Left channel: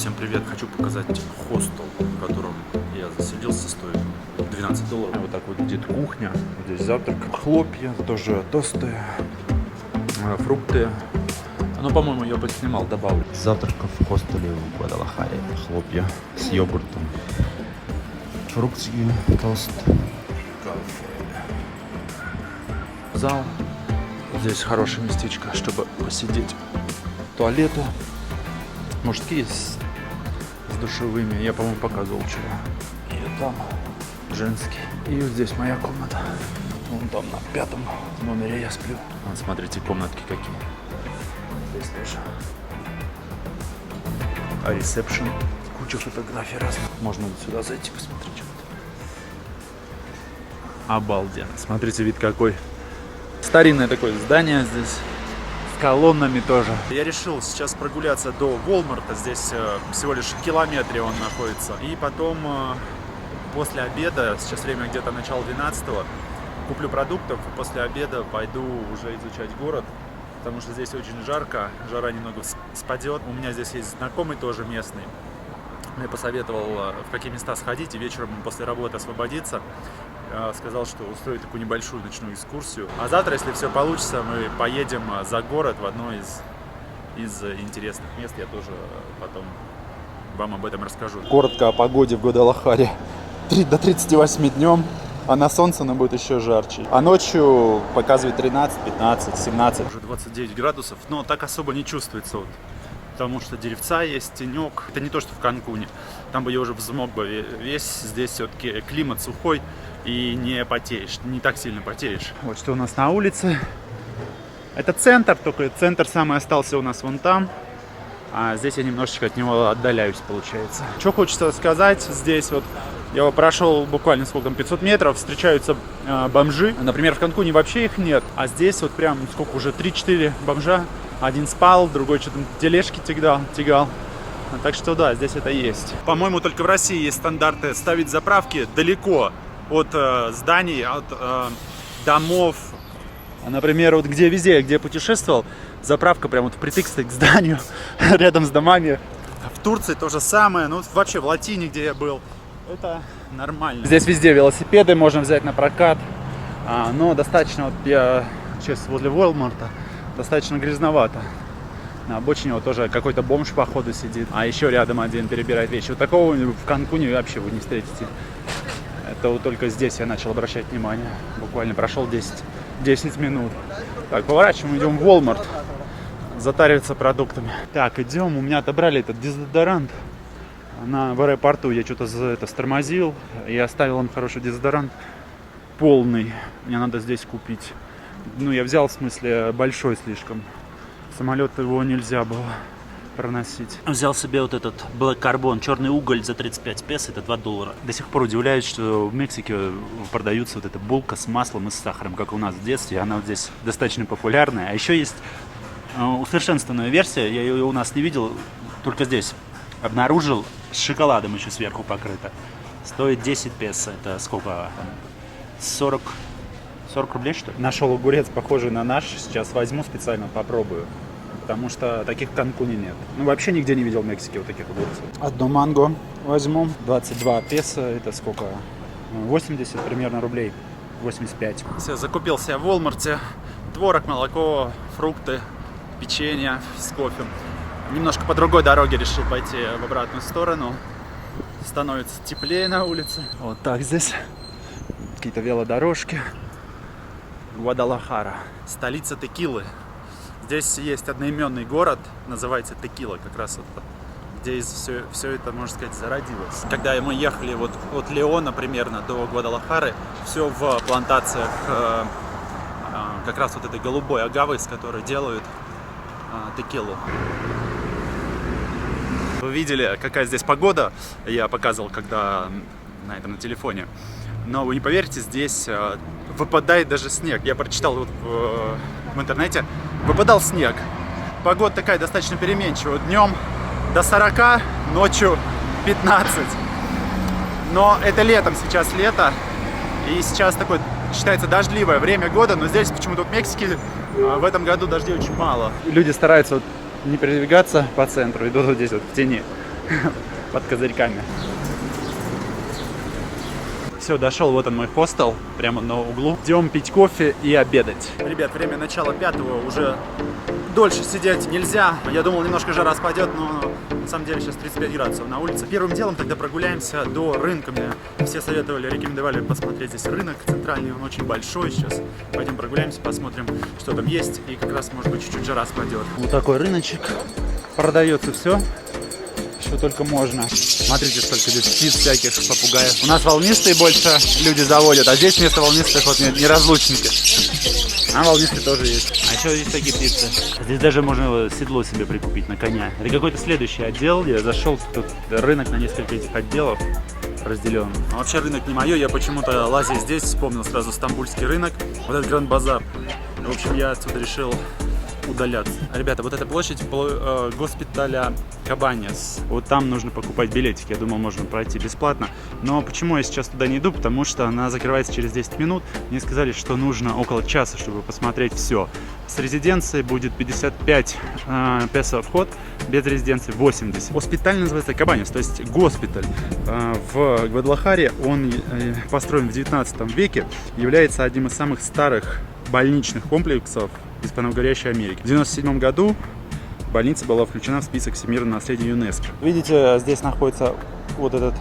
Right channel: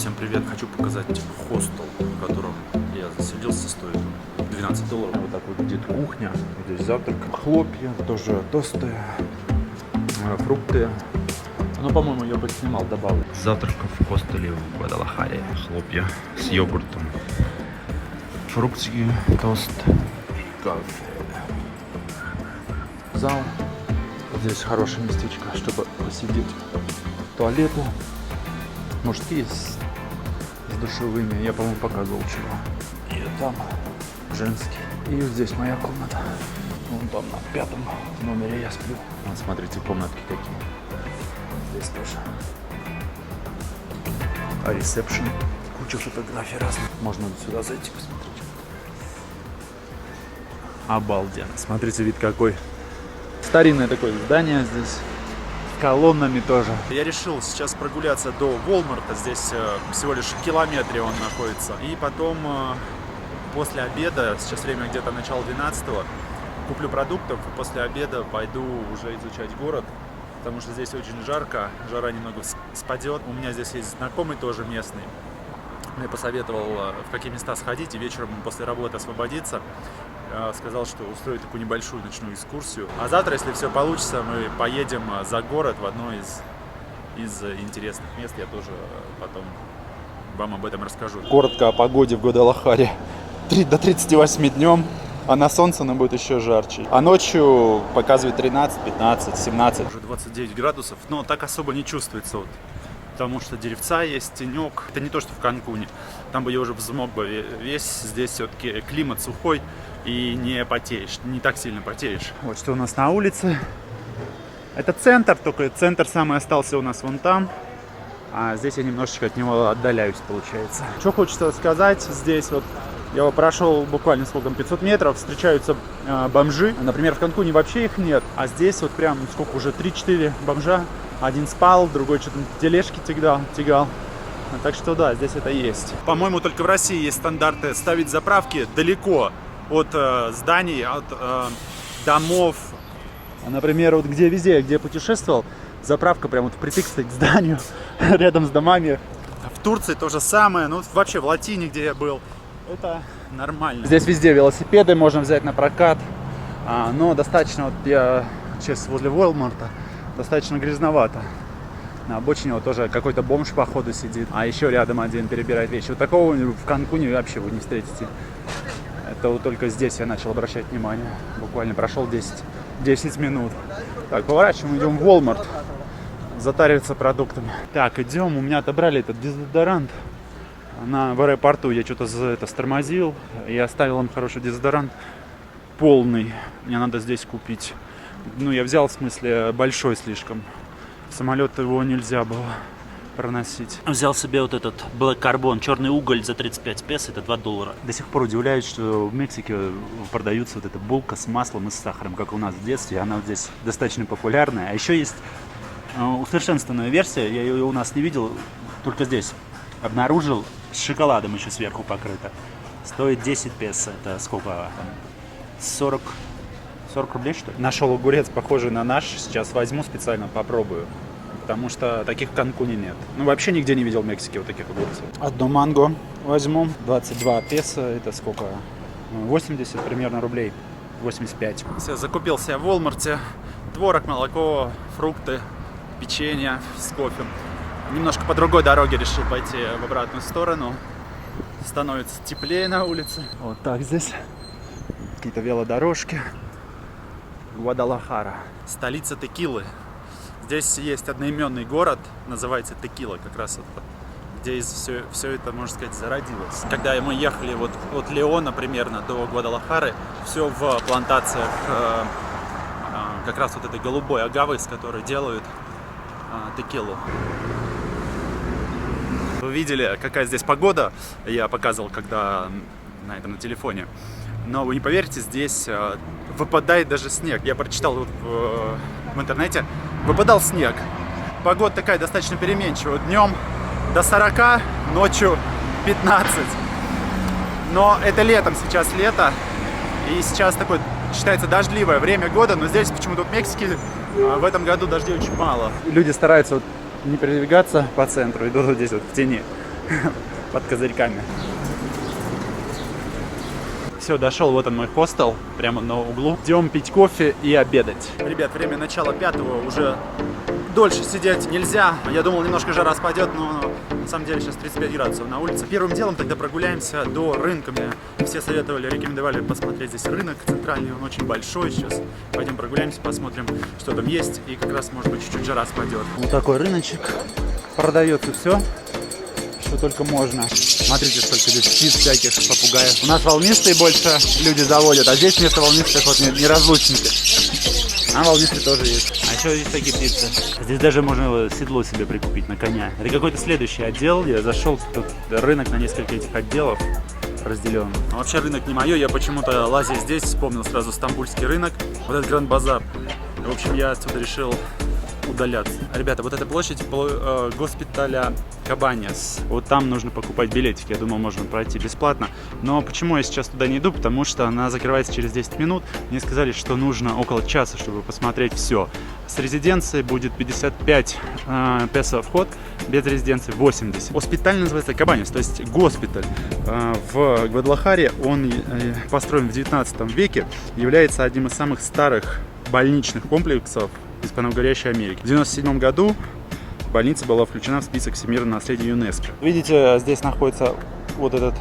Всем привет! Хочу показать хостел, в котором я заселился, стоит $12. Вот так вот будет кухня, здесь завтрак, хлопья, тоже тосты, фрукты. Ну, по-моему, я поснимал, добавлю. Завтраков в хостеле в Гвадалахаре. Хлопья с йогуртом, фрукты, тост, кофе. Зал. Здесь хорошее местечко, чтобы посидеть. Туалеты. Мужские с душевыми. Я, по-моему, показывал чего. И там женский. И вот здесь моя комната. Вон там на 5 номере я сплю. Вот смотрите, комнатки какие. Здесь тоже. А ресепшн. Куча фотографий разных. Можно сюда зайти посмотреть. Обалденно. Смотрите, вид какой. Старинное такое здание здесь. С колоннами тоже. Я решил сейчас прогуляться до Walmart. Здесь всего лишь в километре он находится. И потом после обеда, сейчас время где-то начало 12-го, куплю продуктов. И после обеда пойду уже изучать город. Потому что здесь очень жарко. Жара немного спадет. У меня здесь есть знакомый тоже местный. Мне посоветовал, в какие места сходить и вечером после работы освободиться. Сказал, что устроит такую небольшую ночную экскурсию. А завтра, если все получится, мы поедем за город в одно из интересных мест. Я тоже потом вам об этом расскажу. Коротко о погоде в Гвадалахаре. До 38 днем, а на солнце оно будет еще жарче. А ночью показывает 13, 15, 17. Уже 29 градусов, но так особо не чувствуется. Вот. Потому что деревца есть, тенек. Это не то, что в Канкуне. Там бы я уже взмок бы весь. Здесь все-таки климат сухой и не потеешь, не так сильно потеешь. Вот что у нас на улице. Это центр, только центр самый остался у нас вон там. А здесь я немножечко от него отдаляюсь, получается. Что хочется сказать, здесь вот я прошел буквально сколько, 500 метров, встречаются бомжи. Например, в Канкуне вообще их нет. А здесь вот прям сколько уже, 3-4 бомжа. Один спал, другой что-то тележки тягал. Так что да, здесь это есть. По-моему, только в России есть стандарты ставить заправки далеко от зданий, от домов. Например, вот везде, где я путешествовал, заправка прям вот впритык стоит к зданию, рядом с домами. В Турции то же самое, ну вообще в Латине, где я был, это нормально. Здесь везде велосипеды можно взять на прокат, но достаточно, вот я сейчас возле Walmart, достаточно грязновато. На обочине вот тоже какой-то бомж походу сидит, а еще рядом один перебирает вещи. Вот такого в Канкуне вообще вы не встретите. Это вот только здесь я начал обращать внимание. Буквально прошел 10 минут. Так, поворачиваем, идем в Walmart. Затариваться продуктами. Так, идем. У меня отобрали этот дезодорант. В аэропорту я что-то стормозил. И оставил им хороший дезодорант. Полный. Мне надо здесь купить. Ну, я взял, в смысле, большой слишком. В самолет его нельзя было проносить. Взял себе вот этот Black Carbon, черный уголь за 35 песо, это $2. До сих пор удивляюсь, что в Мексике продаются вот эта булка с маслом и с сахаром, как у нас в детстве. Она вот здесь достаточно популярная. А еще есть усовершенствованная версия, я ее у нас не видел, только здесь обнаружил, с шоколадом еще сверху покрыта. Стоит 10 песо, это сколько? 40 рублей, что ли? Нашел огурец, похожий на наш. Сейчас возьму специально, попробую. Потому что таких в Канкуне нет. Ну, вообще нигде не видел в Мексике вот таких огурцев. Одну манго возьму. 22 песо. Это сколько? 80 примерно рублей. 85. Все, закупился я в Walmart. Творог, молоко, фрукты, печенье с кофе. Немножко по другой дороге решил пойти в обратную сторону. Становится теплее на улице. Вот так здесь. Какие-то велодорожки. Гвадалахара. Столица текилы. Здесь есть одноименный город, называется Текила, как раз вот, где все это, можно сказать, зародилось. Когда мы ехали вот от Леона примерно до Гвадалахары, все в плантациях как раз вот этой голубой агавы, с которой делают текилу. Вы видели, какая здесь погода, я показывал, когда на телефоне. Но вы не поверите, здесь выпадает даже снег. Я прочитал вот в интернете, выпадал снег. Погода такая достаточно переменчивая. Днем до 40, ночью 15. Но это летом, сейчас лето. И сейчас такое считается дождливое время года. Но здесь почему-то в Мексике в этом году дождей очень мало. Люди стараются не передвигаться по центру, идут вот здесь вот в тени. под козырьками. Все, дошел, вот он мой хостел, прямо на углу. Идем пить кофе и обедать. Ребят, время начала 5-го, уже дольше сидеть нельзя. Я думал, немножко жара спадет, но на самом деле сейчас 35 градусов на улице. Первым делом тогда прогуляемся до рынка. Мне все советовали, рекомендовали посмотреть здесь рынок центральный, он очень большой сейчас. Пойдем прогуляемся, посмотрим, что там есть, и как раз, может быть, чуть-чуть жара спадет. Вот такой рыночек. Продается все, что только можно. Смотрите, сколько здесь птиц всяких, попугаев. У нас волнистые больше люди заводят, а здесь вместо волнистых вот неразлучники. А волнистые тоже есть. А еще есть такие птицы. Здесь даже можно седло себе прикупить на коня. Это какой-то следующий отдел. Я зашел, тут рынок на несколько этих отделов разделен. Но вообще рынок не мое. Я почему-то, лазя здесь, вспомнил сразу стамбульский рынок. Вот этот Гранд-базар. В общем, я отсюда решил удаляться. Ребята, вот эта площадь госпиталя Кабанес. Вот там нужно покупать билетики. Я думал, можно пройти бесплатно. Но почему я сейчас туда не иду? Потому что она закрывается через 10 минут. Мне сказали, что нужно около часа, чтобы посмотреть все. С резиденцией будет 55 песо вход, без резиденции 80. Госпиталь называется Кабанес, то есть госпиталь. В Гвадалахаре он построен в 19 веке, является одним из самых старых больничных комплексов Испано-Угорящей Америки. В 1997 году больница была включена в список всемирного наследия ЮНЕСКО. Видите, здесь находится вот этот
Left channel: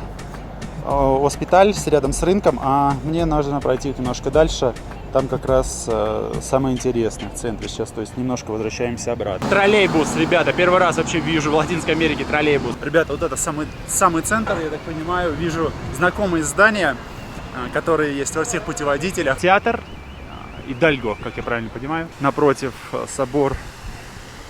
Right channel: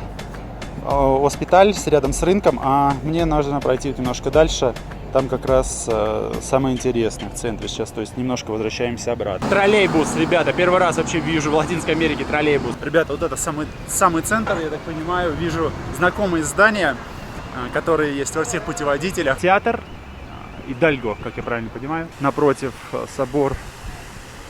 госпиталь рядом с рынком, а мне нужно пройти немножко дальше. Там как раз самое интересное в центре сейчас, то есть немножко возвращаемся обратно. Троллейбус, ребята, первый раз вообще вижу в Латинской Америке троллейбус. Ребята, вот это самый центр, я так понимаю, вижу знакомые здания, которые есть во всех путеводителях. Театр Идальго, как я правильно понимаю. Напротив собор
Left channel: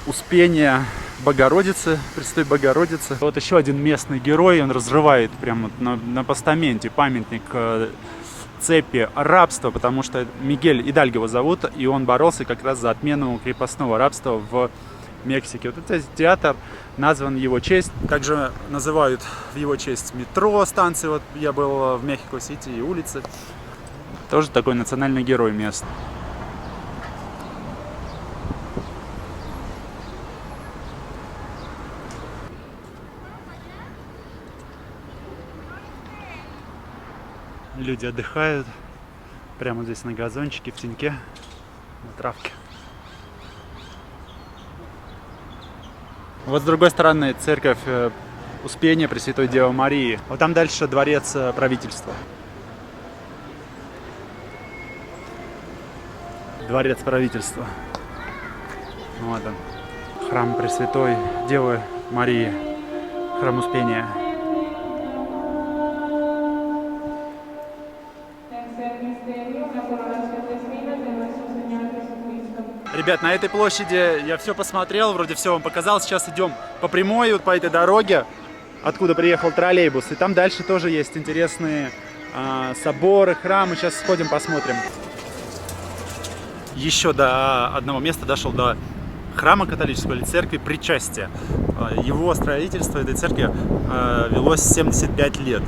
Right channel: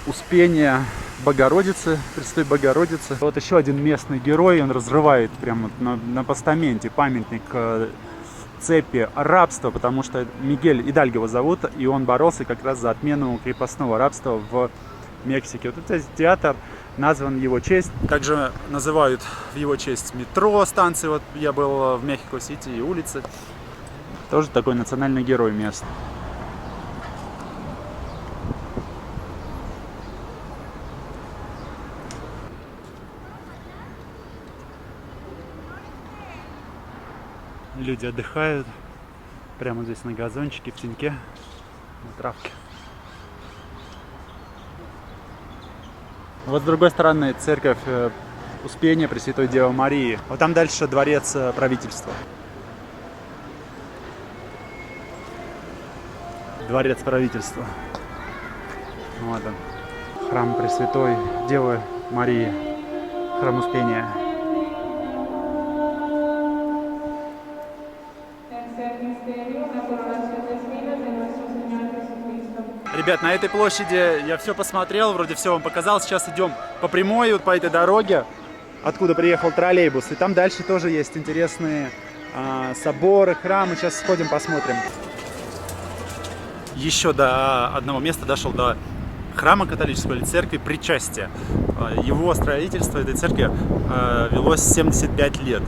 Успения Богородицы, Пресвятой Богородицы. Вот еще один местный герой, он разрывает прямо на постаменте памятник цепи рабства, потому что Мигель Идальго его зовут, и он боролся как раз за отмену крепостного рабства в Мексике. Вот этот театр назван в его честь. Также называют в его честь метро, станции. Вот я был в Мехико-Сити, и улицы. Тоже такой национальный герой мест. Люди отдыхают прямо здесь на газончике, в теньке, на травке. Вот с другой стороны церковь Успения Пресвятой Девы Марии. Вот там дальше дворец правительства. Дворец правительства. Вот он. Храм Пресвятой Девы Марии. Храм Успения. Ребят, на этой площади я все посмотрел, вроде все вам показал. Сейчас идем по прямой, вот по этой дороге, откуда приехал троллейбус. И там дальше тоже есть интересные соборы, храмы. Сейчас сходим, посмотрим. Еще до одного места дошел, до храма католического или церкви Причастия. Его строительство этой церкви велось 75 лет,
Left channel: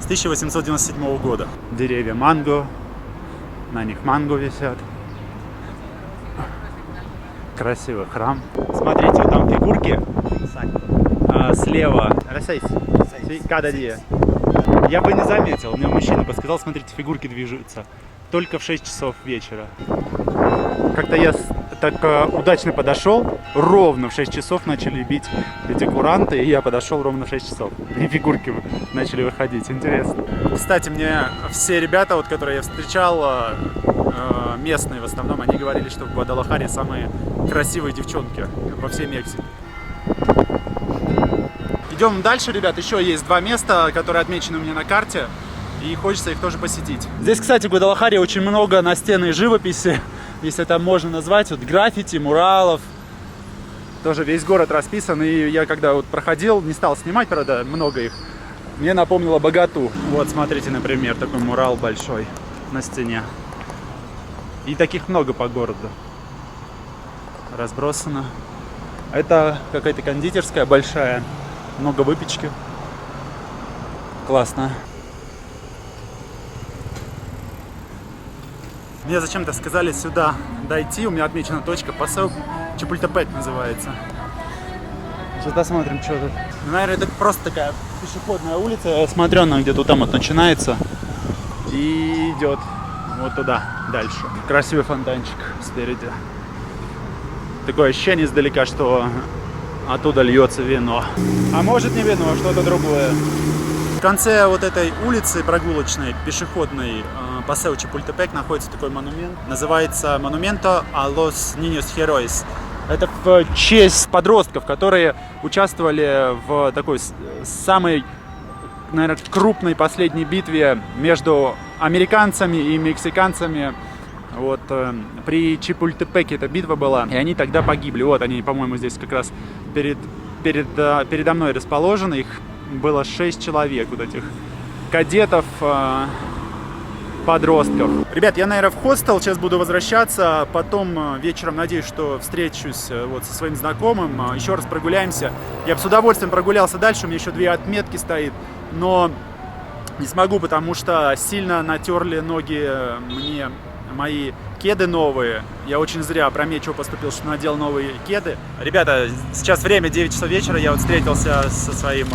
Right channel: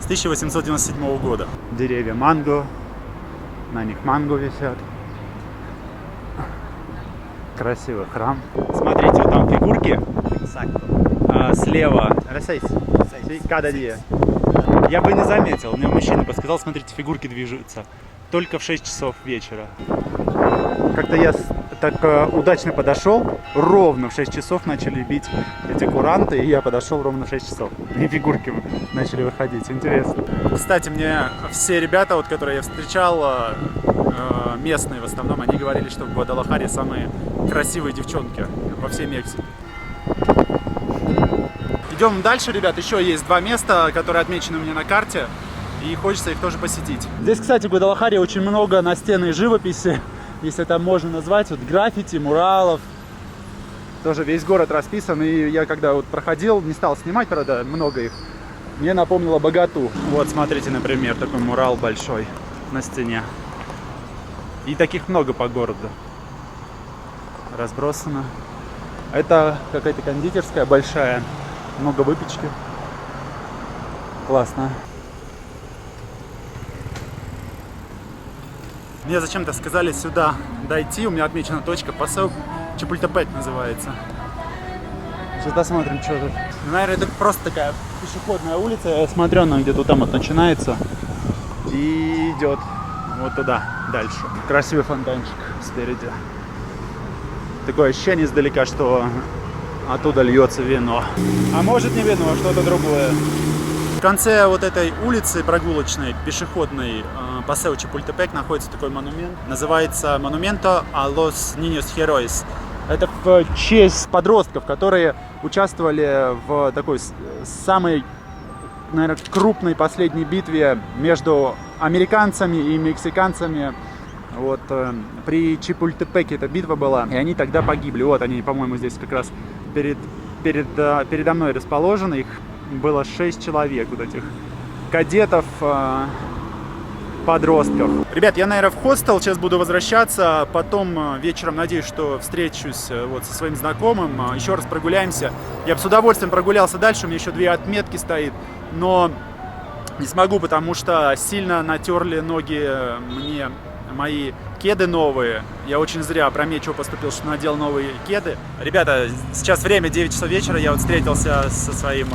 с 1897 года. Деревья манго, на них манго висят. Красивый храм. Смотрите, вот там фигурки. Слева. Я бы не заметил. Мне мужчина подсказал, смотрите, фигурки движутся. Только в 6 часов вечера. Как-то я так удачно подошел. Ровно в 6 часов начали бить эти куранты. И я подошел ровно в 6 часов. И фигурки начали выходить. Интересно. Кстати, мне все ребята, вот, которые я встречал, местные в основном, они говорили, что в Гвадалахаре самые красивые девчонки во всей Мексике. Идем дальше, ребят. Еще есть два места, которые отмечены у меня на карте. И хочется их тоже посетить. Здесь, кстати, в Гвадалахаре очень много настенной живописи, если это можно назвать. Вот граффити, муралов. Тоже весь город расписан. И я когда вот проходил, не стал снимать, правда, много их. Мне напомнило Богату. Вот, смотрите, например, такой мурал большой на стене. И таких много по городу. Разбросано. Это какая-то кондитерская большая. Много выпечки. Классно. Мне зачем-то сказали сюда дойти. У меня отмечена точка. Пасео Чапультепек называется. Сейчас посмотрим, что тут. Наверное, это просто такая пешеходная улица. Я смотрю, она где-то там вот начинается и идет вот туда, дальше. Красивый фонтанчик спереди. Такое ощущение издалека, что оттуда льется вино. А может не вино, а что-то другое. В конце вот этой улицы прогулочной, пешеходной, Paseo Chapultepec, находится такой монумент. Называется Monumento a los Niños Héroes. Это в честь подростков, которые участвовали в такой самой, наверное, крупной последней битве между американцами и мексиканцами. Вот при Чапультепеке эта битва была, и они тогда погибли. Вот они, по-моему, здесь как раз передо мной расположены. Их было 6 человек, вот этих кадетов, подростков. Ребят, я, наверное, в хостел сейчас буду возвращаться. Потом вечером, надеюсь, что встречусь вот со своим знакомым. Еще раз прогуляемся. Я бы с удовольствием прогулялся дальше. У меня еще 2 отметки стоит. Но не смогу, потому что сильно натерли ноги мне мои кеды новые. Я очень зря опрометчиво поступил, что надел новые кеды. Ребята, сейчас время 9 часов вечера. Я вот встретился со своим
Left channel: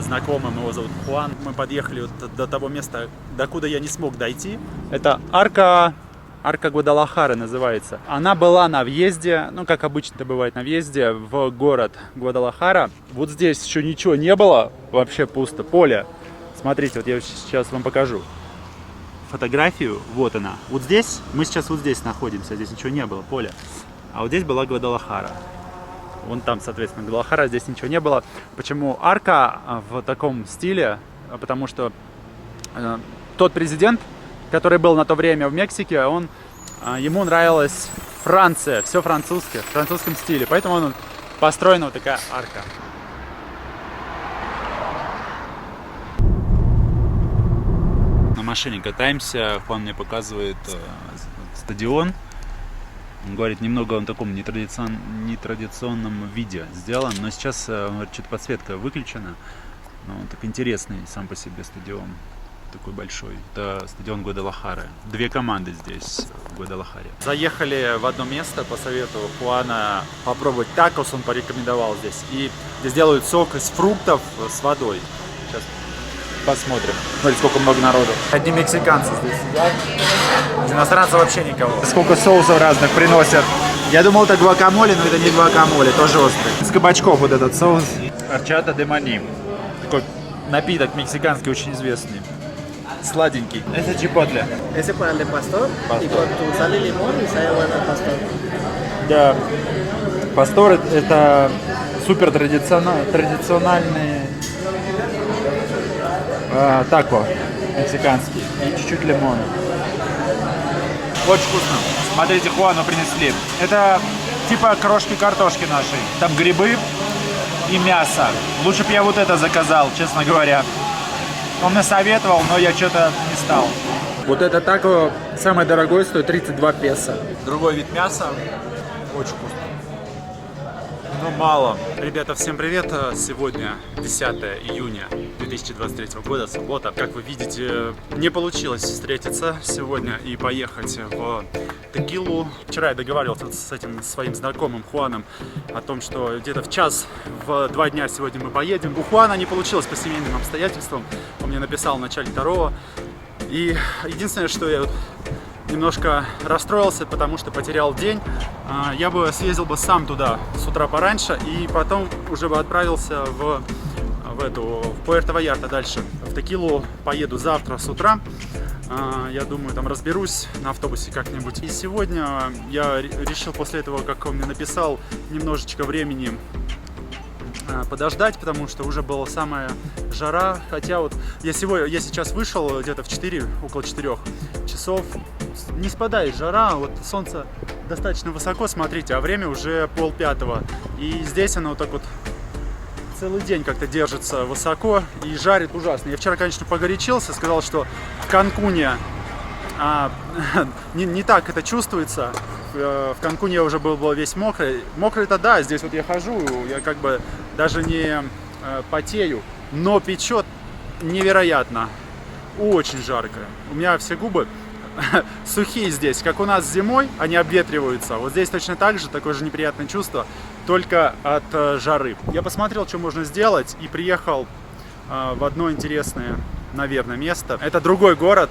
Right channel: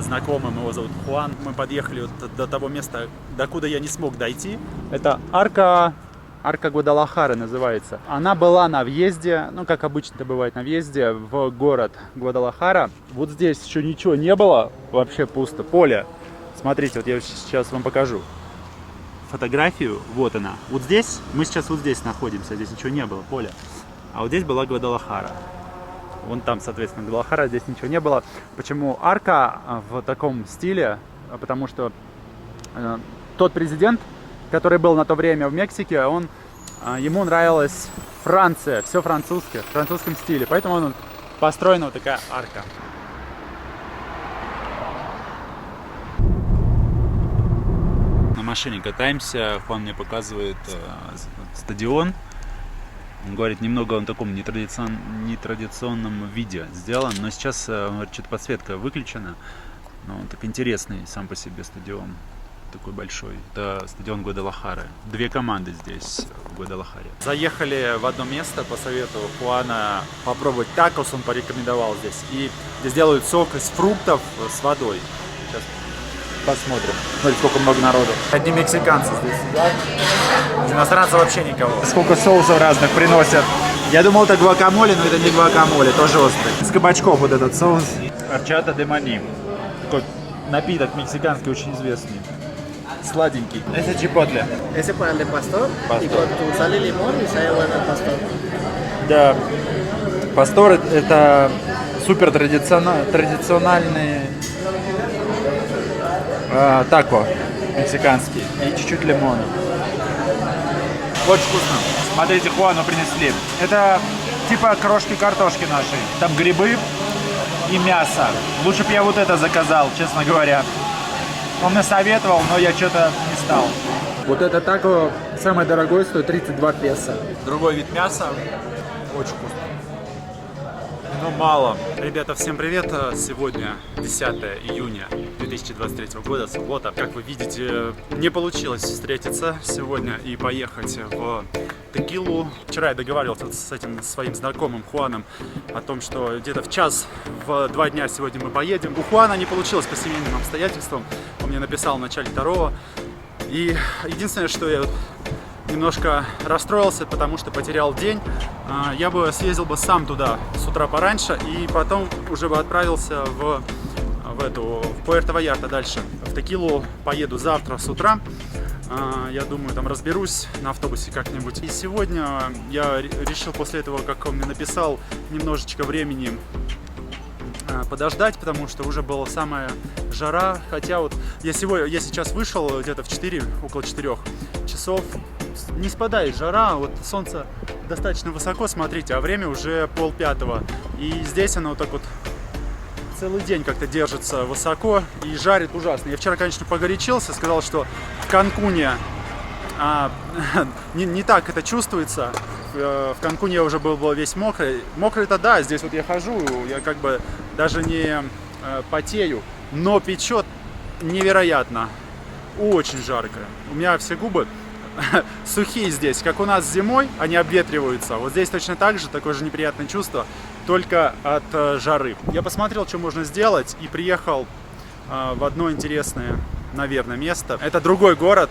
знакомым, его зовут Хуан. Мы подъехали вот до того места, докуда я не смог дойти. Это арка Гвадалахары называется. Она была на въезде, ну как обычно это бывает на въезде, в город Гвадалахара. Вот здесь еще ничего не было, вообще пусто, поле. Смотрите, вот я сейчас вам покажу фотографию, вот она. Вот здесь, мы сейчас вот здесь находимся, здесь ничего не было, поле. А вот здесь была Гвадалахара. Вон там, соответственно, Гвадалахара, здесь ничего не было. Почему арка в таком стиле? Потому что тот президент, который был на то время в Мексике, ему нравилась Франция, все французское, в французском стиле. Поэтому построена вот такая арка. На машине катаемся, Хуан мне показывает стадион. Он говорит, немного он в таком нетрадиционном виде сделан, но сейчас что-то подсветка выключена. Но он так интересный сам по себе стадион, такой большой. Это стадион Гвадалахары. 2 команды здесь в Гвадалахаре. Заехали в одно место по совету Хуана попробовать такос, он порекомендовал здесь. И здесь делают сок из фруктов с водой. Сейчас посмотрим. Смотрите, сколько много народу. Одни мексиканцы здесь сидят. Иностранцев вообще никого. Сколько соусов разных приносят. Я думал, это гуакамоле, но это не гуакамоле, тоже острый. Из кабачков вот этот соус. Horchata de maní. Такой напиток мексиканский, очень известный. Сладенький. Это чипотле. Ese para el de pastor, y con tu sal y limón y sabe bueno el pastor. Да. Пастор это супер традициональный тако мексиканский. И чуть-чуть лимона. Очень вкусно. Смотрите, Хуану принесли. Это типа крошки картошки нашей. Там грибы и мясо. Лучше бы я вот это заказал, честно говоря. Он мне советовал, но я что-то не стал. Вот это тако самое дорогое, стоит 32 песо. Другой вид мяса. Очень вкусно. Но мало. Ребята, всем привет. Сегодня 10 июня 2023 года, суббота. Как вы видите, не получилось встретиться сегодня и поехать в Текилу. Вчера я договаривался с этим своим знакомым Хуаном о том, что где-то в час, в 2 дня сегодня мы поедем. У Хуана не получилось по семейным обстоятельствам. Он мне написал в начале 2-го. И единственное, что я немножко расстроился, потому что потерял день. Я бы съездил бы сам туда с утра пораньше и потом уже бы отправился в Пуэрто-Вальярта дальше. В Текилу поеду завтра с утра. Я думаю, там разберусь на автобусе как-нибудь. И сегодня я решил после этого, как он мне написал, немножечко времени подождать, потому что уже была самая жара. Хотя вот я сейчас вышел где-то в около 4 часов. Не спадает жара, вот солнце достаточно высоко, смотрите, а время уже 4:30. И здесь оно вот так вот целый день как-то держится высоко и жарит ужасно. Я вчера, конечно, погорячился, сказал, что в Канкуне не так это чувствуется. В Канкуне я уже был весь мокрый. Мокрый-то да, здесь вот я хожу, я как бы даже не потею, но печет невероятно. Очень жарко. У меня все губы сухие здесь, как у нас зимой, они обветриваются. Вот здесь точно так же, такое же неприятное чувство. только от жары. Я посмотрел, что можно сделать, и приехал в одно интересное, наверное, место. Это другой город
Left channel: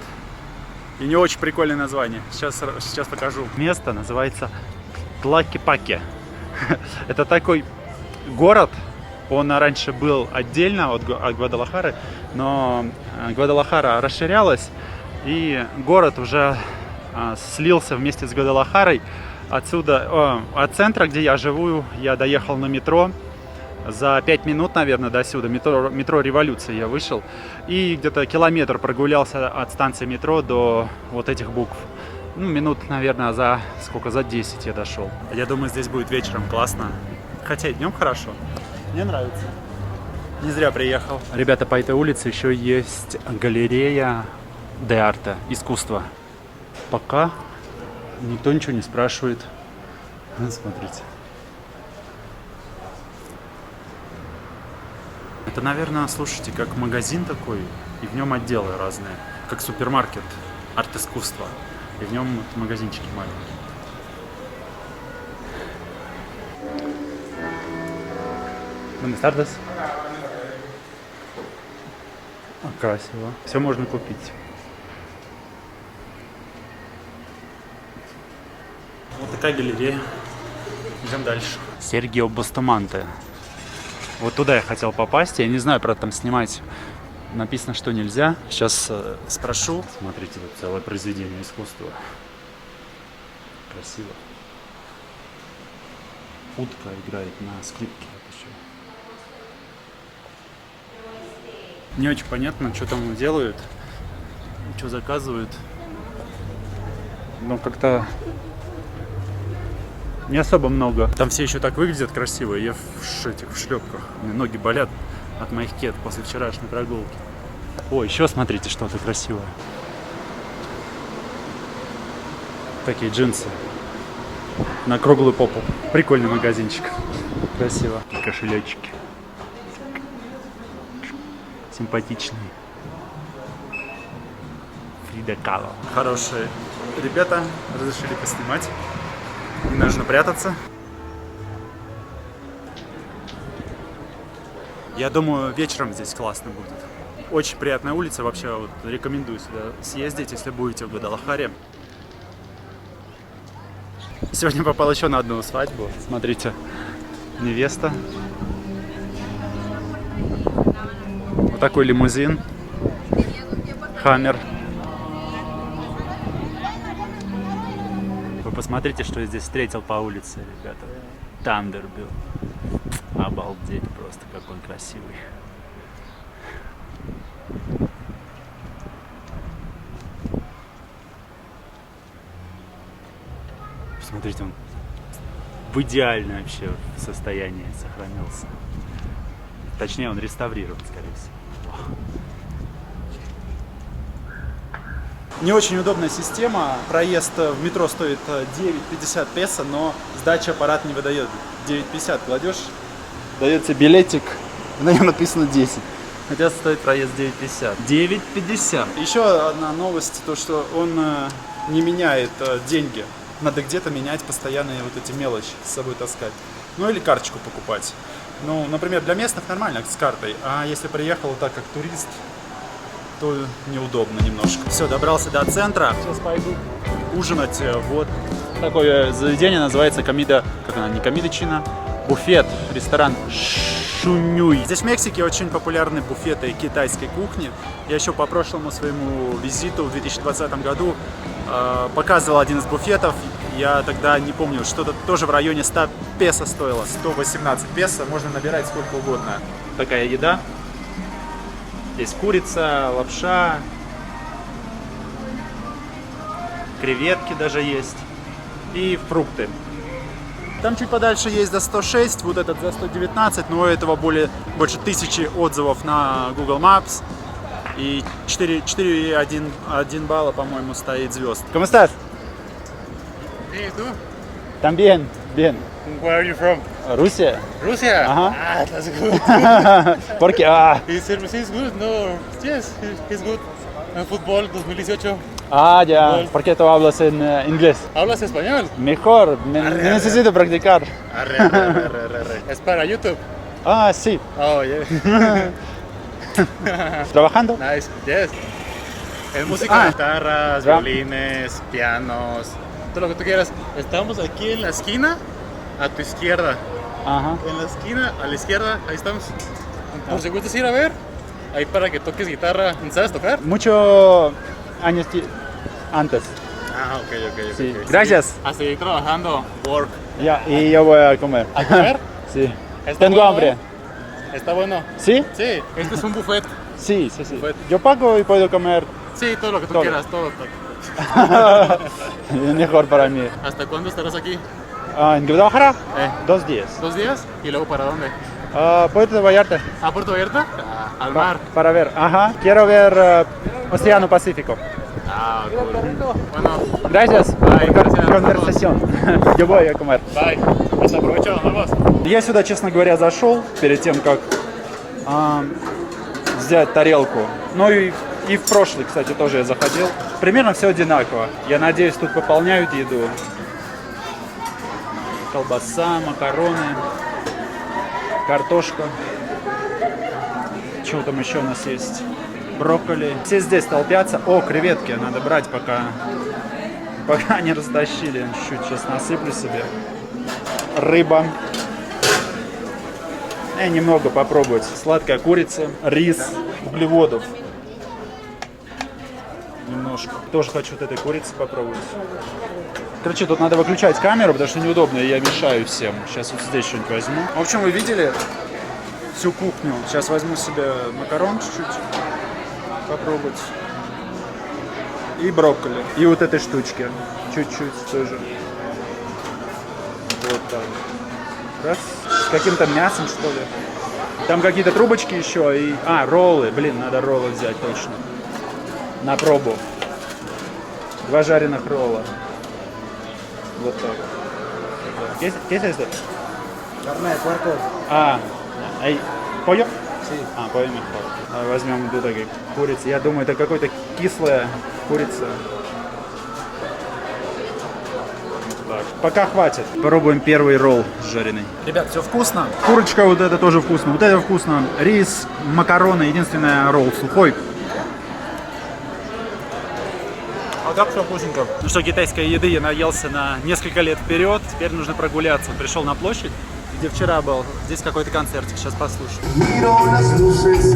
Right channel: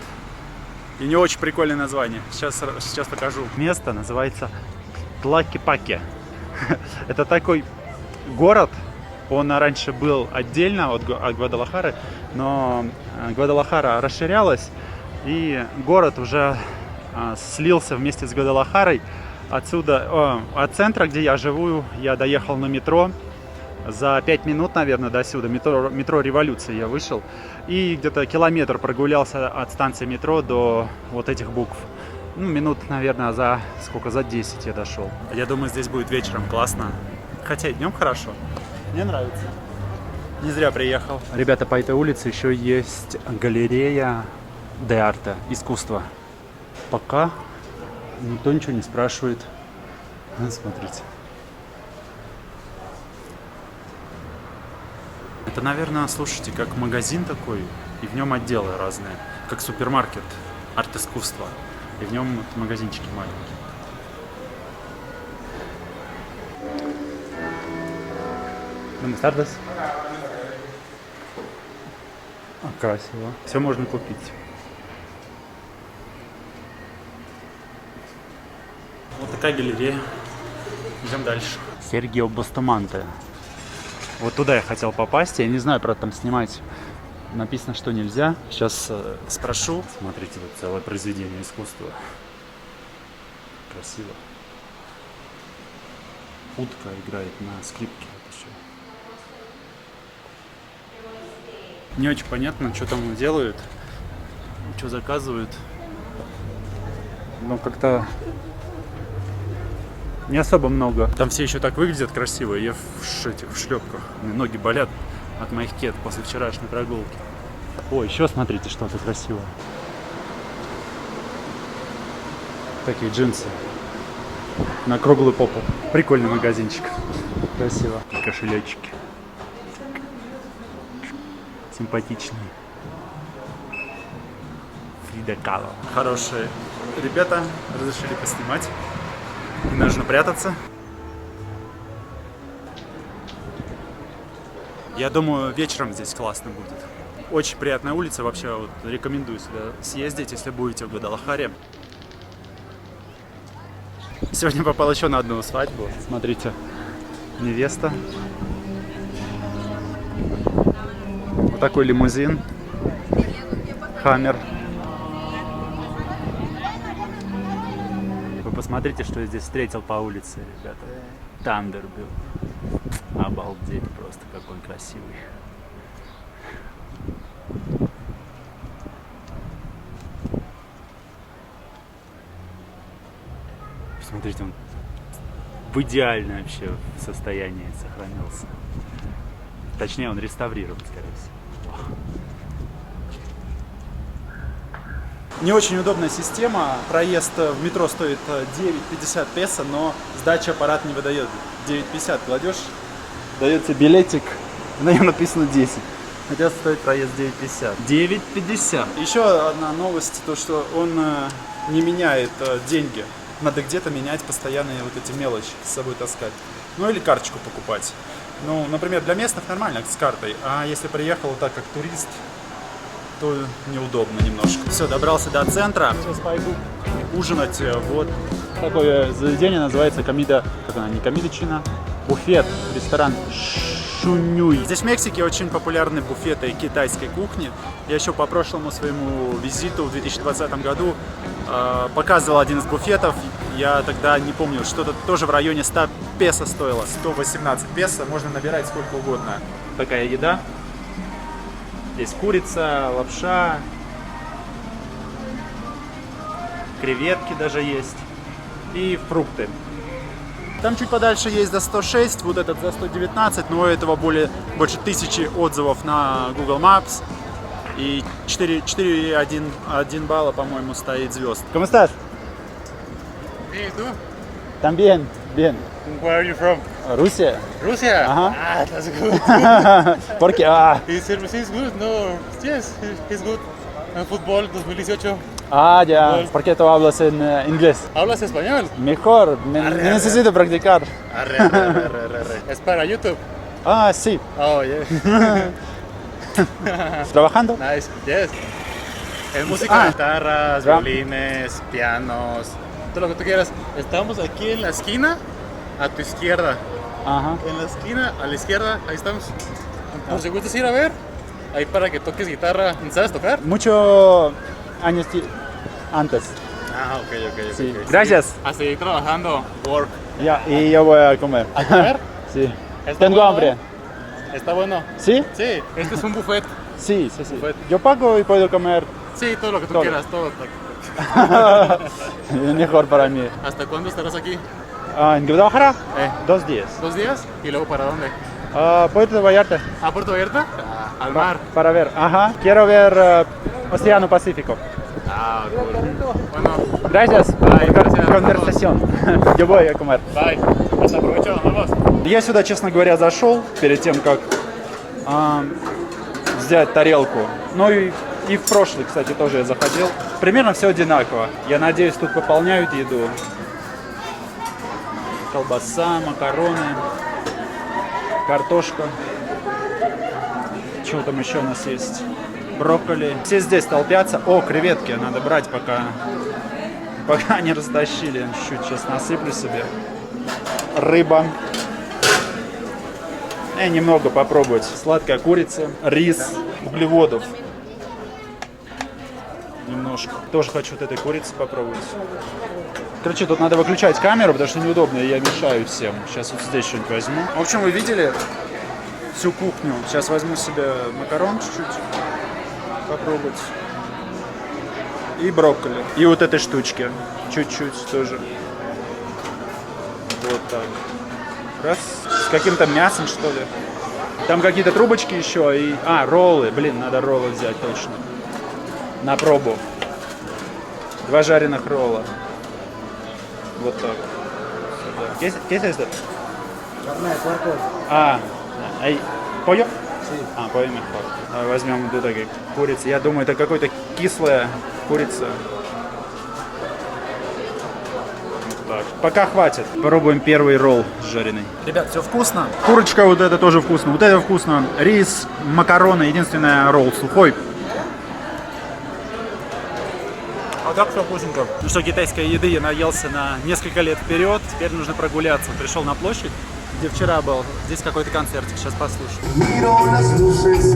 и не очень прикольное название. Сейчас покажу. Место называется Тлакепаке. Это такой город. Он раньше был отдельно от Гвадалахары, но Гвадалахара расширялась, и город уже слился вместе с Гвадалахарой. Отсюда, от центра, где я живу, я доехал на метро. За 5 минут, наверное, до сюда. Метро Революции я вышел. И где-то километр прогулялся от станции метро до вот этих букв. Ну, минут, наверное, за 10 я дошел. Я думаю, здесь будет вечером классно. Хотя и днем хорошо. Мне нравится. Не зря приехал. Ребята, по этой улице еще есть галерея де арте, искусство. Пока никто ничего не спрашивает. Смотрите. Это, наверное, слушайте, как магазин такой, и в нем отделы разные. Как супермаркет арт-искусства. И в нем вот магазинчики маленькие. Красиво. Все можно купить. Вот такая галерея. Идем дальше. Сергио Бустаманте. Вот туда я хотел попасть. Я не знаю, правда, там снимать написано, что нельзя. Сейчас спрошу. Смотрите, тут целое произведение искусства. Красиво. Утка играет на скрипке. Вот еще. Не очень понятно, что там делают, что заказывают. Но как-то не особо много. Там все еще так выглядят красиво. Я в шлепках. У меня ноги болят от моих кед после вчерашней прогулки. О, еще смотрите, что-то красивое. Такие джинсы. На круглую попу. Прикольный магазинчик. Красиво. И кошелечки. Симпатичный. Фрида Кало. Хорошие ребята разрешили поснимать. Не нужно прятаться. Я думаю, вечером здесь классно будет. Очень приятная улица. Вообще вот, рекомендую сюда съездить, если будете в Гвадалахаре. Сегодня попал еще на одну свадьбу. Смотрите, невеста. Вот такой лимузин. Хаммер. Вы посмотрите, что я здесь встретил по улице, ребята. Тандербилт. Обалдеть просто, какой красивый. Смотрите, он в идеальном вообще состоянии сохранился. Точнее, он реставрирован, скорее всего. Не очень удобная система. Проезд в метро стоит 9,50 песо, но сдача аппарат не выдает. 9,50 кладешь, дает тебе билетик, на нем написано 10. Хотя стоит проезд 9,50. 9,50. Еще одна новость, то что он не меняет деньги. Надо где-то менять постоянные вот эти мелочи, с собой таскать. Ну или карточку покупать. Ну, например, для местных нормально с картой, а если приехал так как турист, то неудобно немножко. Все, добрался до центра. Сейчас пойду ужинать. Вот такое заведение, называется Комида, как она, не Комидочина, буфет, ресторан Шунюй. Здесь в Мексике очень популярны буфеты китайской кухни. Я еще по прошлому своему визиту в 2020 году показывал один из буфетов. Я тогда не помню, что-то тоже в районе 100 песо стоило. 118 песо, можно набирать сколько угодно. Такая еда. Здесь курица, лапша, креветки даже есть и фрукты. Там чуть подальше есть за 106, вот этот за 119, но у этого больше 1000 отзывов на Google Maps. И 4,1 балла, по-моему, стоит звезд. ¿Cómo estás? Hey, ¿tú? También, bien. Where are you from? Rusia. Russia? Uh-huh. Ah, that's good. Porque, His service is good, no? Yes, he's good. Fútbol 2018. Ah, ya. ¿Por qué tú hablas en inglés? ¿Hablas español? Mejor, me necesito practicar. Arre. Es para YouTube. Ah, sí. Oh, yeah. ¿Trabajando? Nice. Yes. Es música de guitarras, Drum. violines, pianos, todo lo que tú quieras. Estamos aquí en la esquina, a tu izquierda. Ajá. En la esquina, a la izquierda, ahí estamos. Por si gustas ir a ver, ahí para que toques guitarra. ¿Sabes tocar? Muchos años antes. Ah, ok. Sí. Gracias. A seguir trabajando. Work. Ya, y yo voy a comer. ¿A comer? Sí. Está Tengo bueno, hambre. ¿eh? Está bueno. ¿Sí? Sí, este es un buffet. Sí. Buffet. Yo pago y puedo comer. Sí, todo lo que tú Todo. quieras, todo. Mejor para mí. ¿Hasta cuándo estarás aquí? ¿En Guadalajara? Eh. 2 días. 2 días. ¿Y luego para dónde? Puerto Vallarta. ¿A Puerto Vallarta? Al mar. Para ver. Ajá. Quiero ver Océano Pacífico. Ah, cool. Bueno, Gracias Bye, por gracias. конверсаción. Yo voy a comer. bye. Hasta provecho, nos vemos. Я сюда, честно говоря, зашел перед тем, как взять тарелку. Ну и в прошлый, кстати, тоже я заходил. Примерно все одинаково. Я надеюсь, тут пополняют еду. Колбаса, макароны, картошка. Что там еще у нас есть? Брокколи. Все здесь толпятся. О, креветки надо брать, пока не растащили. Чуть-чуть сейчас насыплю себе. Рыба. Немного попробовать. Сладкая курица, рис, углеводов. Немножко. Тоже хочу вот этой курицы попробовать. Короче, тут надо выключать камеру, потому что неудобно, и я мешаю всем. Сейчас вот здесь что-нибудь возьму. В общем, вы видели всю кухню. Сейчас возьму себе макарон чуть-чуть. Попробовать. И брокколи. И вот этой штучки. Чуть-чуть тоже. Вот так. Раз. С каким-то мясом, что ли. Там какие-то трубочки еще и... роллы. Блин, надо роллы взять точно. На пробу. 2 жареных ролла. Вот так. ¿Qué es esto? Carne de puerco. Pollo? Pollo mejor. Возьмем вот такие курицы. Я думаю, это какая-то кислая курица. Так. Пока хватит. Попробуем первый ролл жареный. Ребят, все вкусно. Курочка вот это тоже вкусно. Вот это вкусно. Рис, макароны. Единственное, ролл сухой. А так все вкусненько. Ну что, китайской еды я наелся на несколько лет вперед. Теперь нужно прогуляться. Пришел на площадь, где вчера был. Здесь какой-то концертик. Сейчас послушаем. Miro las luces